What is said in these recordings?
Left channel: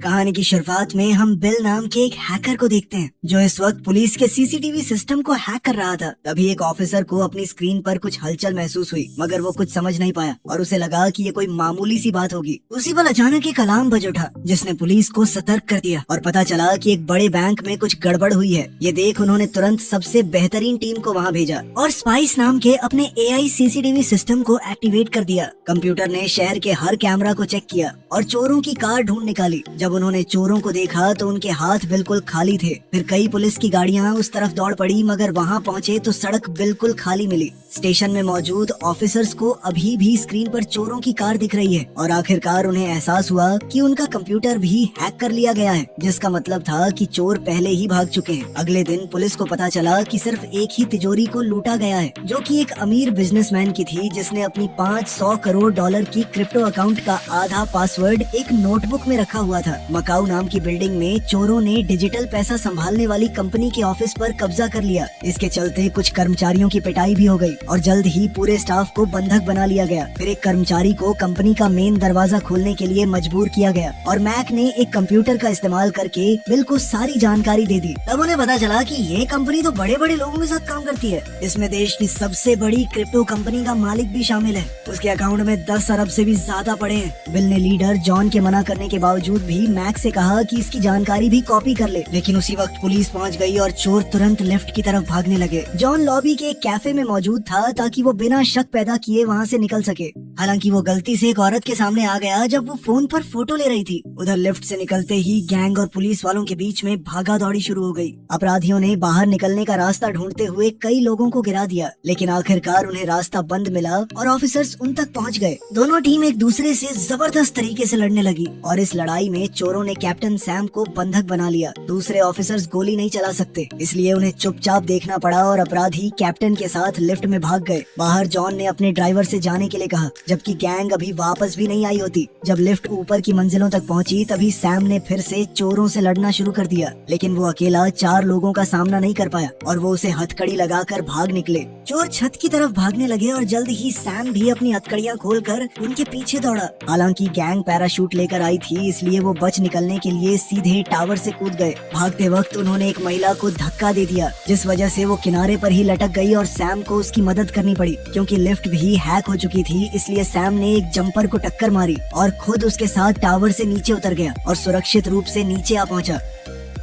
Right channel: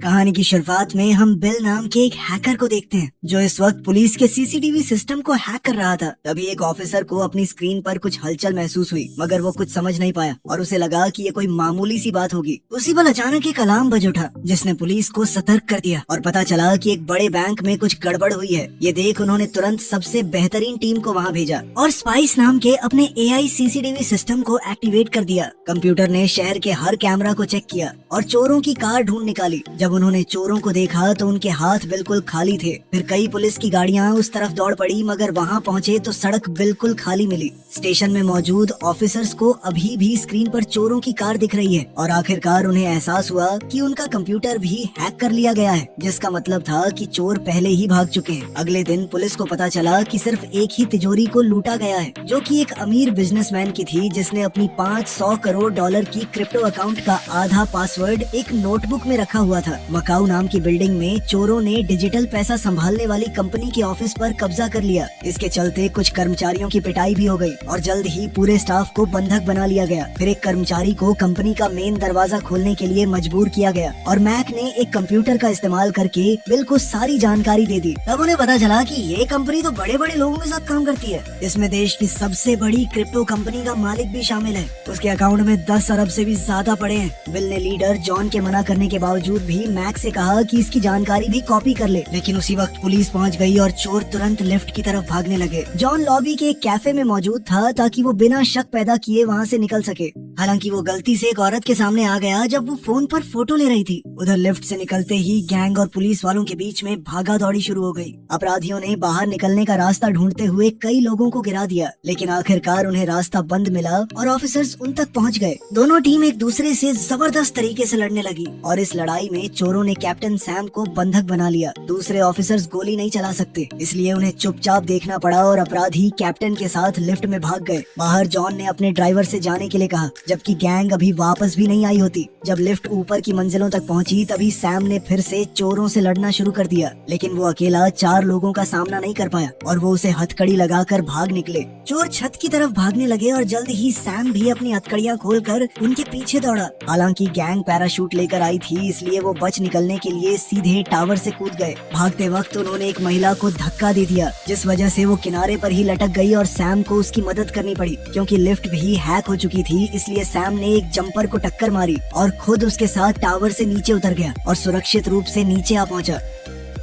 कहानी की शुरुआत में हम बिल नाम के एक हैकर को देखते हैं जो इस वक्त पुलिस के सीसीटीवी सिस्टम को हैक कर रहा था। तभी एक ऑफिसर को अपनी स्क्रीन पर कुछ हलचल महसूस हुई, मगर वो कुछ समझ नहीं पाया और उसे लगा कि ये कोई मामूली सी बात होगी। उसी पल अचानक एक अलार्म बज उठा जिसने पुलिस को सतर्क कर दिया और पता चला कि एक बड़े बैंक में कुछ गड़बड़ हुई है। ये देख उन्होंने तुरंत सबसे बेहतरीन टीम को वहाँ भेजा और स्पाइस नाम के अपने एआई सीसीटीवी सिस्टम को एक्टिवेट कर दिया। कंप्यूटर ने शहर के हर कैमरा को चेक किया और चोरों की कार ढूंढ निकाली। जब उन्होंने चोरों को देखा तो उनके हाथ बिल्कुल खाली थे। फिर कई पुलिस की गाड़ियां उस तरफ दौड़ पड़ी, मगर वहां पहुंचे तो सड़क बिल्कुल खाली मिली। स्टेशन में मौजूद ऑफिसर्स को अभी भी स्क्रीन पर चोरों की कार दिख रही है और आखिरकार उन्हें एहसास हुआ कि उनका कंप्यूटर भी हैक कर लिया गया है, जिसका मतलब था कि चोर पहले ही भाग चुके हैं। अगले दिन पुलिस को पता चला कि सिर्फ एक ही तिजोरी को लूटा गया है, जो कि एक अमीर बिजनेसमैन की थी, जिसने अपनी 500 करोड़ डॉलर की क्रिप्टो अकाउंट का आधा पासवर्ड एक नोटबुक में रखा हुआ था। मकाऊ नाम की बिल्डिंग में चोरों ने डिजिटल पैसा संभालने वाली कंपनी के ऑफिस पर कब्जा कर लिया। इसके चलते कुछ कर्मचारियों की पिटाई भी हो गई और जल्द ही पूरे स्टाफ को बंधक बना लिया गया। फिर एक कर्मचारी को कंपनी का मेन दरवाजा खोलने के लिए मजबूर किया गया और मैक ने एक कंप्यूटर का इस्तेमाल करके बिल को सारी जानकारी दे दी। तब उन्हें पता चला कि ये कंपनी तो बड़े बड़े लोगों के साथ काम करती है। इसमें देश की सबसे बड़ी क्रिप्टो कंपनी का मालिक भी शामिल है। उसके अकाउंट में 10 अरब से भी ज्यादा पड़े हैं। बिल ने लीडर जॉन के मना करने के बावजूद भी मैक से कहा कि इसकी जानकारी भी कॉपी कर ले, लेकिन उसी वक्त पुलिस पहुंच गई और चोर तुरंत लिफ्ट की तरफ भागने लगे। जॉन लॉबी के एक कैफे में मौजूद था ताकि वो बिना शक पैदा किए वहां से निकल सके। हालांकि वो गलती से एक औरत के सामने आ गया जब वो फोन पर फोटो ले रही थी। उधर लिफ्ट से निकलते ही गैंग और पुलिस वालों के बीच में भागा दौड़ी शुरू हो गई। अपराधियों ने बाहर निकलने का रास्ता ढूंढते हुए कई लोगों को गिरा दिया, लेकिन आखिरकार उन्हें रास्ता बंद मिला और ऑफिसर्स उन तक पहुंच गए। दोनों टीम एक दूसरे से जबरदस्त तरीके से लड़ने लगी और इस लड़ाई में चोरों ने कैप्टन सैम को बंधक बना लिया। दूसरे ऑफिसर्स गोली नहीं चला सकते, इसलिए उन्हें चुपचाप देखना पड़ा और अपराधी कैप्टन के साथ लिफ्ट में भाग गए। बाहर जॉन ने अपने ड्राइवर से जाने के लिए कहा, जबकि गैंग अभी वापस भी नहीं आई होती। जब लिफ्ट ऊपर की मंजिलों तक पहुंची तभी सैम ने फिर से चोरों से लड़ना शुरू कर दिया, लेकिन वो अकेला 4 लोगों का सामना नहीं कर पाया और वो उसे हथकड़ी लगाकर भाग निकले। चोर छत की तरफ भागने लगे और जल्द ही सैम भी अपनी हथकड़ियां खोलकर उनके पीछे दौड़ा। हालांकि गैंग पैराशूट लेकर आई थी, इसलिए वो बच निकलने के लिए सीधे टावर से कूद गए। भागते वक्त उन्होंने एक महिला को धक्का दे दिया, जिस वजह से वो किनारे पर ही लटक गई और सैम को उसकी मदद करनी पड़ी। क्योंकि लिफ्ट भी हैक हो चुकी थी, इसलिए सैम ने एक जंपर को टक्कर मारी और खुद उसके साथ टावर से नीचे उतर गया और सुरक्षित रूप से नीचे आ पहुंचा।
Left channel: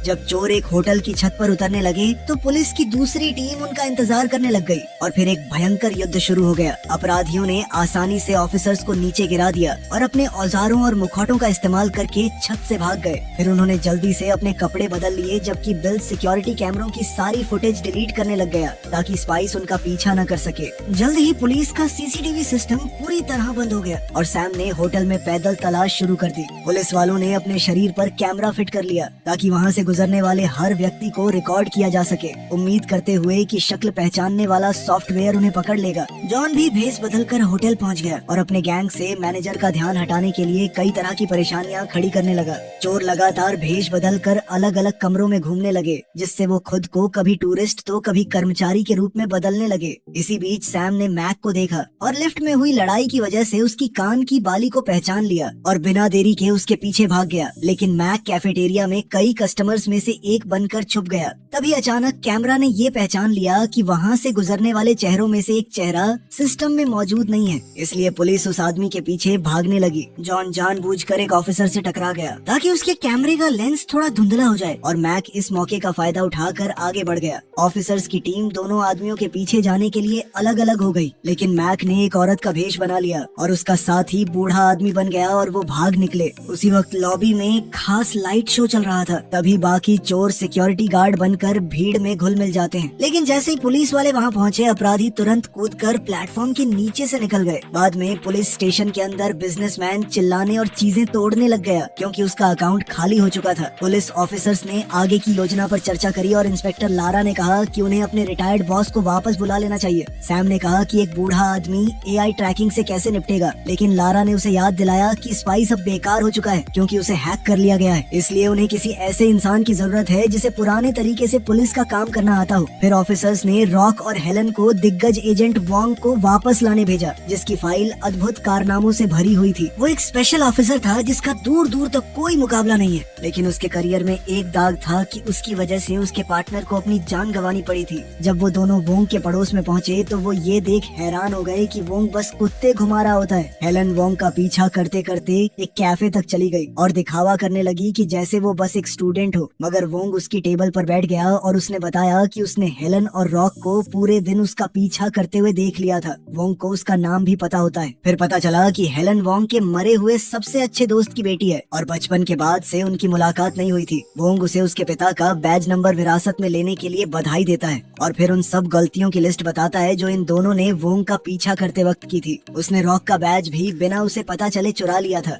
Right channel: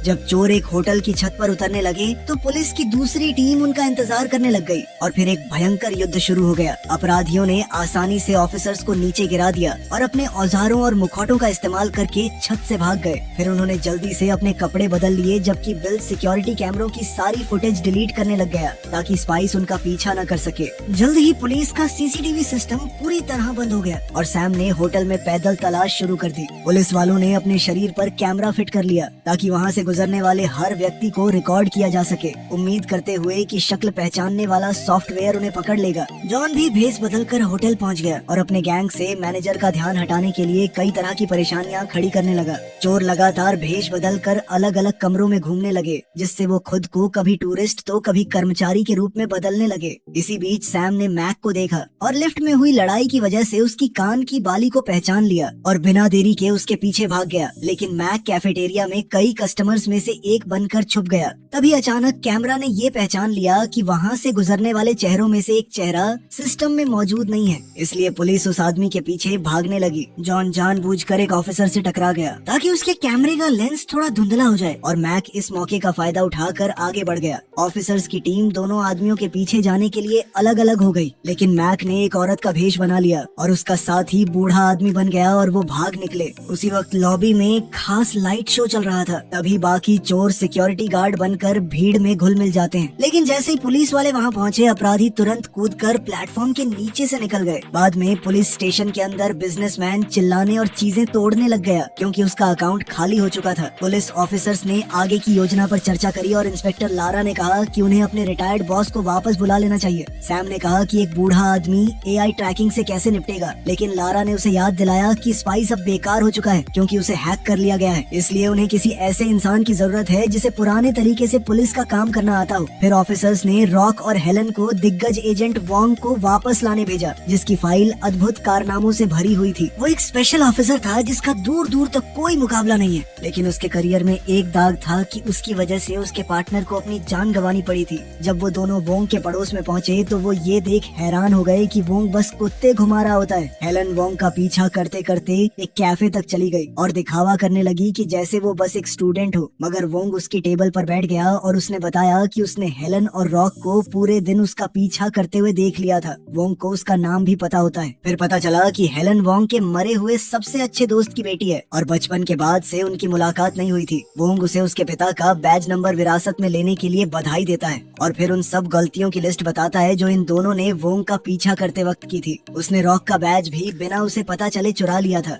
जब चोर एक होटल की छत पर उतरने लगे तो पुलिस की दूसरी टीम उनका इंतजार करने लग गई और फिर एक भयंकर युद्ध शुरू हो गया। अपराधियों ने आसानी से ऑफिसर्स को नीचे गिरा दिया और अपने औजारों और मुखौटों का इस्तेमाल करके छत से भाग गए। फिर उन्होंने जल्दी से अपने कपड़े बदल लिए, जबकि बिल सिक्योरिटी कैमरों की सारी फुटेज डिलीट करने लग गया ताकि स्पाइस उनका पीछा न कर सके। जल्द ही पुलिस का सीसीटीवी सिस्टम पूरी तरह बंद हो गया और सैम ने होटल में पैदल तलाश शुरू कर दी। पुलिस वालों ने अपने शरीर पर कैमरा फिट कर लिया ताकि वहाँ से गुजरने वाले हर व्यक्ति को रिकॉर्ड किया जा सके, उम्मीद करते हुए कि शक्ल पहचानने वाला सॉफ्टवेयर उन्हें पकड़ लेगा। जॉन भी भेस बदलकर होटल पहुंच गया और अपने गैंग से मैनेजर का ध्यान हटाने के लिए कई तरह की परेशानियां खड़ी करने लगा। चोर लगातार भेष बदलकर अलग अलग कमरों में घूमने लगे, जिससे वो खुद को कभी टूरिस्ट तो कभी कर्मचारी के रूप में बदलने लगे। इसी बीच सैम ने मैक को देखा और लिफ्ट में हुई लड़ाई की वजह से उसकी कान की बाली को पहचान लिया और बिना देरी के उसके पीछे भाग गया। लेकिन मैक कैफेटेरिया में कई कस्टमर्स में से एक बनकर छुप गया। तभी अचानक कैमरा ने ये पहचान लिया कि वहाँ से गुजरने वाले चेहरों में से एक चेहरा सिस्टम में मौजूद नहीं है, इसलिए पुलिस उस आदमी के पीछे भागने लगी। जॉन जानबूझकर एक ऑफिसर से टकरा गया ताकि उसके कैमरे का लेंस थोड़ा धुंधला हो जाए और मैक इस मौके का फायदा उठाकर आगे बढ़ गया। ऑफिसर्स की टीम दोनों आदमियों के पीछे जाने के लिए अलग अलग हो गई, लेकिन मैक ने एक औरत का भेष बना लिया और उसका साथी बूढ़ा आदमी बन गया और वो भाग निकले। उसी वक्त लॉबी में खास लाइट शो चल रहा था। तभी बाकी चोर सिक्योरिटी गार्ड बनकर भीड़ में घुल मिल जाते हैं, लेकिन जैसे ही पुलिस वाले वहाँ पहुँचे अपराधी तुरंत कूदकर प्लेटफॉर्म के नीचे से निकल गए। बाद में पुलिस स्टेशन के अंदर बिजनेसमैन चिल्लाने और चीजें तोड़ने लग गया क्योंकि उसका अकाउंट खाली हो चुका था। पुलिस ऑफिसर्स ने आगे की योजना पर चर्चा करी और इंस्पेक्टर लारा ने कहा कि उन्हें अपने रिटायर्ड बॉस को वापस बुला लेना चाहिए। सैम ने कहा कि एक बूढ़ा आदमी एआई ट्रैकिंग से कैसे निपटेगा, लेकिन लारा ने उसे याद दिलाया कि स्पाइस अब बेकार हो चुका है क्योंकि उसे हैक कर लिया गया है, इसलिए उन्हें किसी ऐसे इंसान इंसान की जरूरत है जिसे पुराने तरीके से पुलिस का काम करना आता हो। फिर ऑफिसर्स ने रॉक और हेलन को दिग्गज एजेंट वोंग को वापस लाने भेजा, जिसकी फाइल अद्भुत कारनामों से भरी हुई थी। वो एक स्पेशल ऑफिसर था जिसका दूर दूर तक कोई मुकाबला नहीं है, लेकिन उसके करियर में एक दाग था कि उसकी वजह से उसके पार्टनर को अपनी जान गंवानी पड़ी थी। जब वो दोनों वोंग के पड़ोस में पहुंचे तो वो ये देख हैरान हो गए कि वोंग बस कुत्ते घुमा रहा होता है। हेलन वोंग का पीछा करते करते एक कैफे तक चली गई और दिखावा करने लगी कि जैसे वो बस एक स्टूडेंट हो, मगर वोंग उसकी टेबल पर बैठ गया और उसने बताया कि उसने हेलन और रॉक को पूरे दिन उसका पीछा करते हुए देख लिया था। वोंग को उसका नाम भी पता होता है। फिर पता चला कि हेलन वोंग के मरे हुए सबसे अच्छे दोस्त की बेटी है और बचपन के बाद से उनकी मुलाकात नहीं हुई थी। वोंग उसे उसके पिता का बैज नंबर विरासत में लेने के लिए बधाई देता है और फिर उन सब गलतियों की लिस्ट बताता है जो इन दोनों ने वोंग का पीछा करते वक्त की थी। उसने रॉक का बैज भी बिना उसे पता चले चुरा लिया था।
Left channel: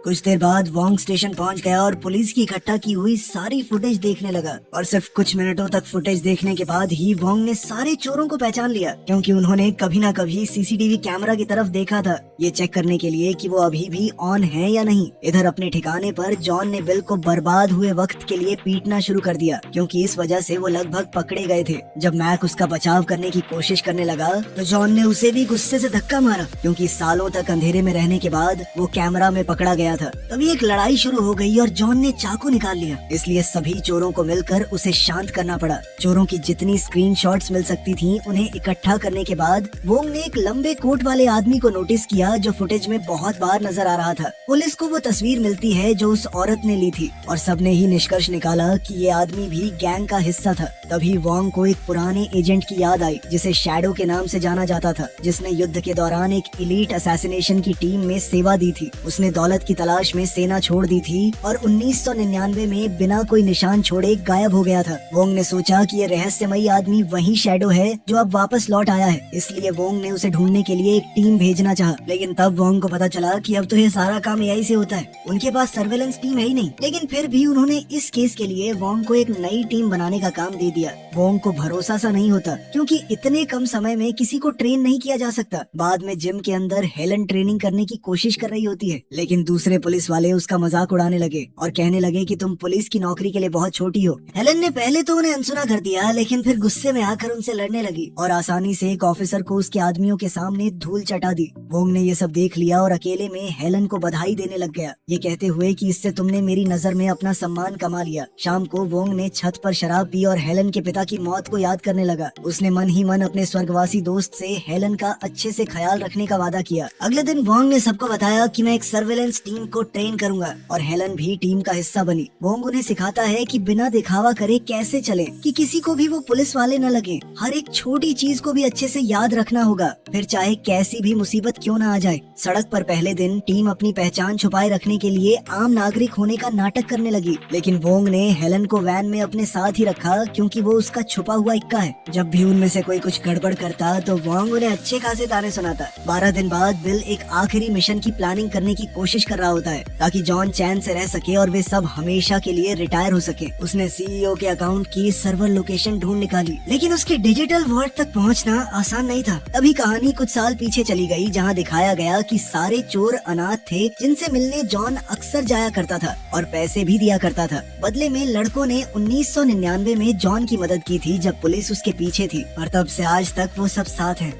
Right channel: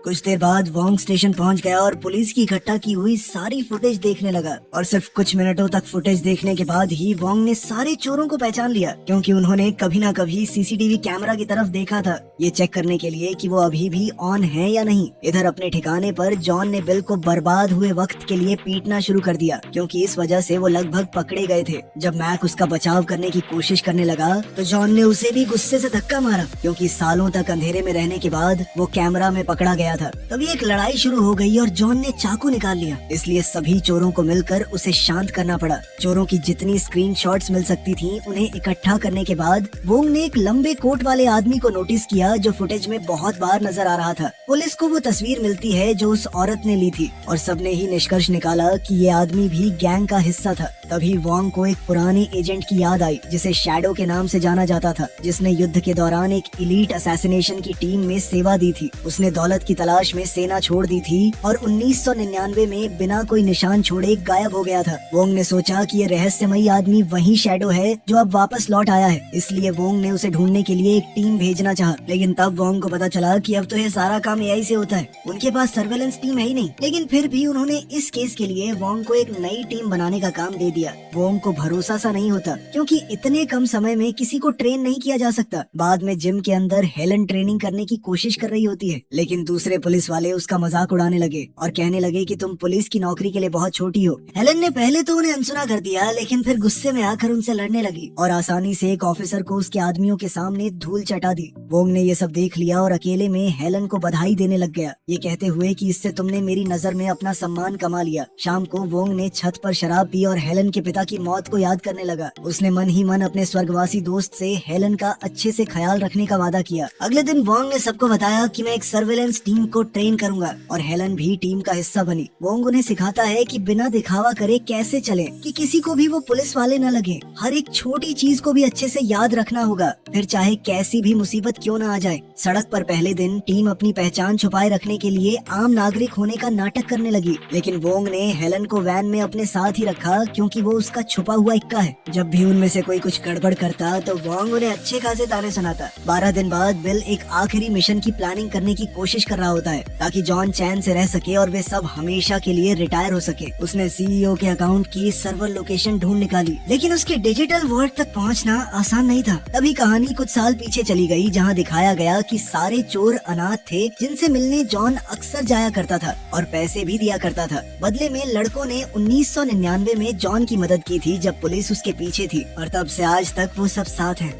कुछ देर बाद वोंग स्टेशन पहुंच गया और पुलिस की इकट्ठा की हुई सारी फुटेज देखने लगा और सिर्फ कुछ मिनटों तक फुटेज देखने के बाद ही वोंग ने सारे चोरों को पहचान लिया, क्योंकि उन्होंने कभी ना कभी सीसीटीवी कैमरा की तरफ देखा था, ये चेक करने के लिए कि वो अभी भी ऑन है या नहीं। इधर अपने ठिकाने पर जॉन ने बिल को बर्बाद हुए वक्त के लिए पीटना शुरू कर दिया, क्योंकि इस वजह से वो लगभग पकड़े गए थे। जब मैक उसका बचाव करने की कोशिश करने लगा तो जॉन ने उसे भी गुस्से से धक्का मारा, क्योंकि सालों तक अंधेरे में रहने के बाद वो कैमरा में पकड़ा गया था। तभी एक लड़ाई शुरू हो गई और जॉन ने चाकू निकाल लिया, इसलिए सभी चोरों को मिलकर उसे शांत करना पड़ा। चोरों की जितनी स्क्रीनशॉट्स मिल सकती थी उन्हें इकट्ठा करने के बाद वोंग ने एक लंबे कोट वाले आदमी को नोटिस किया जो फुटेज में बहुत बार नजर आ रहा था। पुलिस को वो तस्वीर मिलती है जो उस औरत ने ली थी और सबने ही निष्कर्ष निकाला कि ये आदमी भी गैंग का हिस्सा था। तभी वोंग को एक पुराने एजेंट की याद आई जिसे शैडो के नाम से जाना जाता था, जिसने युद्ध के दौरान एक इलीट असैसिनेशन की टीम में सेवा दी थी। उसने दौलत की तलाश में सेना छोड़ दी थी और 1999 में बिना कोई निशान छोड़े गायब हो गया था। वोंग ने सोचा कि ये रहस्यमयी आदमी वही शैडो है जो अब वापस लौट आया है, इसलिए वोंग ने उसे ढूंढने के लिए एक टीम भेजना चाहा। लेकिन तब वोंग को पता चला कि अब तो ये सारा काम एआई से होता है, उनके पास सर्वेलेंस टीम है ही नहीं। लेकिन फिर भी उन्होंने इस केस के लिए वोंग को एक नई टीम बनाने का काम दे दिया। वोंग को भरोसा सा नहीं होता, क्योंकि इतने कम समय में किसी को ट्रेन नहीं किया जा सकता। बाद में जिम के अंदर हेलन ट्रेनिंग करने की कोशिश कर रही होती है, लेकिन दूसरे पुलिस वाले उसका मजाक उड़ाने लगे और कहने लगे कि तुम पुलिस की नौकरी के लिए बहुत छोटी हो। हेलन ने पहले तो उन्हें अनसुना कर दिया, लेकिन फिर गुस्से में आकर उनसे लड़ने लगी और आसानी से एक ऑफिसर को उसके आदमियों के सामने धूल चटा दी। वोंग ने ये सब देख लिया और अकेले में हेलन को बधाई देने लग गया, ये कहते हुए कि इससे तुमने मेरी नजर में अपना सम्मान कमा लिया। शाम को वोंग ने छत पर शराब पी और हेलन के पिता की मौत को याद करने लगा। उसने मन ही मन अपने स्वर्गवासी दोस्त से हेलन का अच्छे से ख्याल रखने का वादा किया। अगले दिन वोंग ने सबको बताया कि मैं एक सर्वेलेंस टीम को ट्रेन करूंगा और हेलन भी टीम का हिस्सा बनी। वोंग उन्हें सिखाता है कि बिना दिखावा करे कैसे चले, कि किसी को भी वो पुलिस वाले न लगे। हर एक छोटी चीज को भी अच्छे से याद रखना होगा, फिर चाहे कैसी भी मुसीबत क्यों न आ जाए। सड़क पर पहले दिन टीम अपनी पहचान छुपाए रखने के लिए आम नागरिक होने का नाटक करने लगी, लेकिन वोंग ने हेलन को वैन में अपने साथ ही रखा, क्योंकि वो उसका छुपा हुआ इक्का है। जब भी उनमें से कोई कुछ गड़बड़ करता तो वोंग उन्हें अच्छे खासे ताने सुनाता। 12 दिन बाद बिल एक आखिरी मिशन की प्लानिंग करने की कोशिश कर रहा होता है, ताकि जॉन चैन से रह सके और वे सब हमेशा के लिए रिटायर हो सके। उसने सीईओ के अकाउंट की सर्वर लोकेशन ढूंढ निकाली, लेकिन उसके डिजिटल वर्ल्ड तक पहुंचना आसान नहीं था। तभी कहानी कुछ साल पीछे चली गई, जहां दिखाया गया कि सारे चोर अनाथ थे जिनसे मिलने जॉन अक्सर जाया करता था और पैसे भी दिया करता था। बदले में लड़कों ने 1999 में जॉन की मदद की थी जब पुलिस उसके पीछे थी, और तब से आज तक वो सब साथ हैं।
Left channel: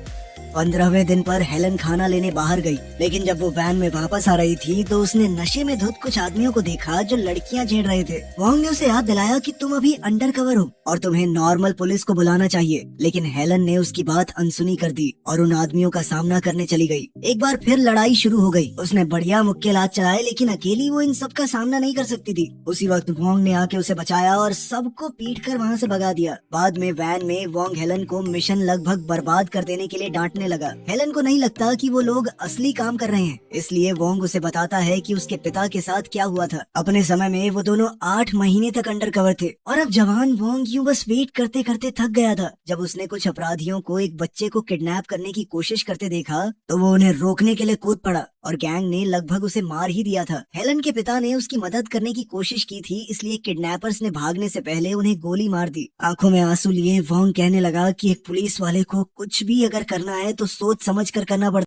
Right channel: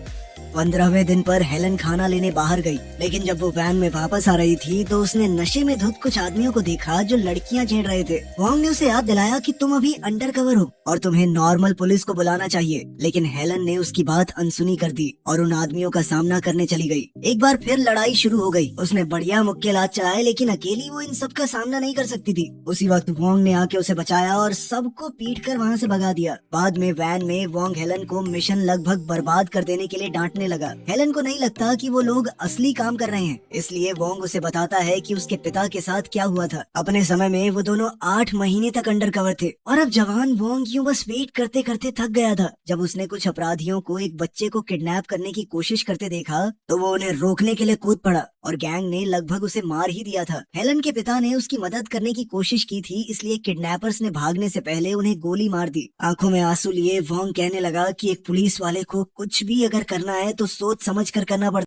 15वें दिन पर हेलन खाना लेने बाहर गई, लेकिन जब वो वैन में वापस आ रही थी तो उसने नशे में धुत कुछ आदमियों को देखा जो लड़कियां छेड़ रहे थे। वोंग ने उसे याद दिलाया कि तुम अभी अंडर कवर हो और तुम्हें नॉर्मल पुलिस को बुलाना चाहिए, लेकिन हेलन ने उसकी बात अनसुनी कर दी और उन आदमियों का सामना करने चली गई। एक बार फिर लड़ाई शुरू हो गई। उसने बढ़िया मुक्केबाज चलाए, लेकिन अकेली वो इन सब का सामना नहीं कर सकती थी। उसी वक्त वोंग ने आके उसे बचाया और सबको पीट कर वहाँ से भगा दिया। बाद में वैन में वोंग हेलन को मिशन लगभग बर्बाद कर देने के लिए डांटने लगा। हेलन को नहीं लगता कि वो लोग असली काम कर रहे हैं, इसलिए वोंग उसे बताता है कि उसके पिता के साथ क्या हुआ था। अपने समय में वो दोनों 8 महीने तक अंडर कवर थे और अब जवान वोंग यूं बस वेट करते करते थक गया था। जब उसने कुछ अपराधियों को एक बच्चे को किडनैप करने की कोशिश करते देखा तो वो उन्हें रोकने के लिए कूद पड़ा और गैंग ने लगभग उसे मार ही दिया था। हेलन के पिता ने उसकी मदद करने की कोशिश की थी, इसलिए किडनैपर्स ने भागने से पहले उन्हें गोली मार दी। आंखों में आंसू लिए वोंग कहने लगा कि एक पुलिस वाले को कुछ भी अगर करना है तो सोच समझ कर करना पड़ता